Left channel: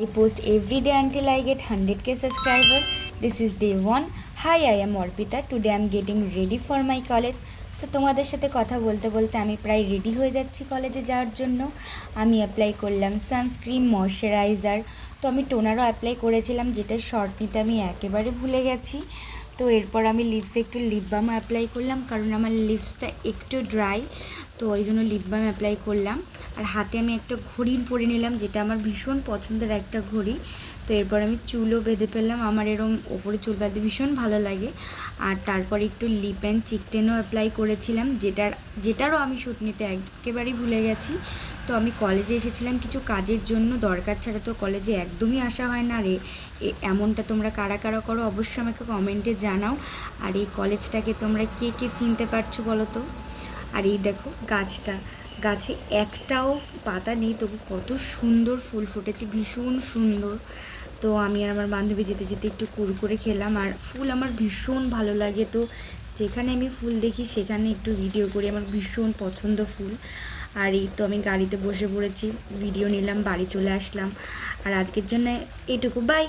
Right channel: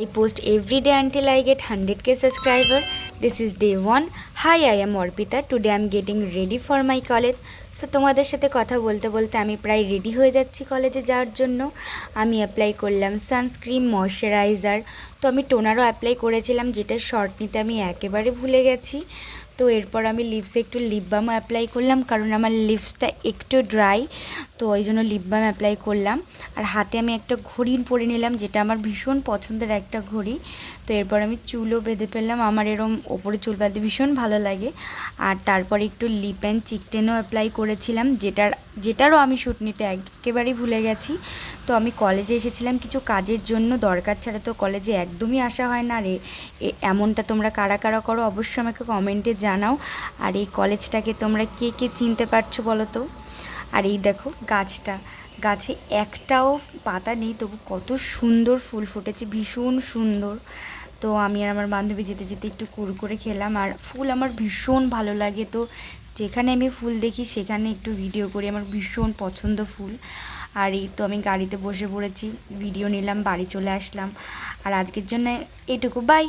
I post every day until I get 100k subscriber. This is day 1. Hi, I am Orpita. Today I am getting ready for my college. So তোমাদের সাথে কথা বলতে বলতে আমি প্রায় ready হয়ে যাচ্ছি কলেজে যাওয়ার জন্য। আমি অ্যাপ্লাই করলাম সানস্ক্রিন, ময়শ্চারাইজার। তো আমি টোনারও অ্যাপ্লাই করেছিলাম, যেটা শর্ট নিতে আমি একেবারে ভুলে গেছি। তো এরপর আমি লিপসে একটু লিপ বাম অ্যাপ্লাই করলাম, কারণ আমার লিপসটা একটু ড্রাই, তো ওই জন্য লিপ বাম অ্যাপ্লাই করলাম। আর হাতে আমি একটা ঘড়ি পরে নিলাম, যেটা আমার ভীষণ পছন্দের একটা ঘড়ি। তো এরপর আমি চুলও বেঁধে ফেললাম, আমার এরম ওপরে চুল বাঁধতে ভীষণ ভালো লাগে। আর তারপরে একটু লিপ অ্যান্ড চিকটেনও অ্যাপ্লাই করেছিলাম, যেটারও আমি শ্যুট নিতে একেবারেই ভুলে গেছি। তো আমি কলেজে এসেছিলাম কিছু কাজের জন্য, দরকার ছাড়া তো কলেজে একদমই আসা হয় না। আর এমনটা তোমরা কারা কারা করো অবশ্যই আমাকে কমেন্টে জানাও। আর এই কলেজটাকে তোমরা কে কে চিনতে পারছো বলো তো। আর এই দেখো গাছে একটাও পাতা নেই, তবু কত সুন্দর ফুল ফুটেছে, ভীষণ সুন্দর। তো আমি আর আমার বান্ধবী যেতে যেতে একটু কুরকুরে খেলাম। আর ফুল আমার ভীষণ ভালো লাগে, তো যেখানে আমি ফুল দেখি সেখানে একটু ভিডিও করি, আমার ভীষণ পছন্দ ফুল। আর এই তো আমি গাড়িতে বসে পড়েছি, ভিডিও নিলাম, বাড়ি চলে আসলাম। আর আজকের জন্য এইটুকু, বাই।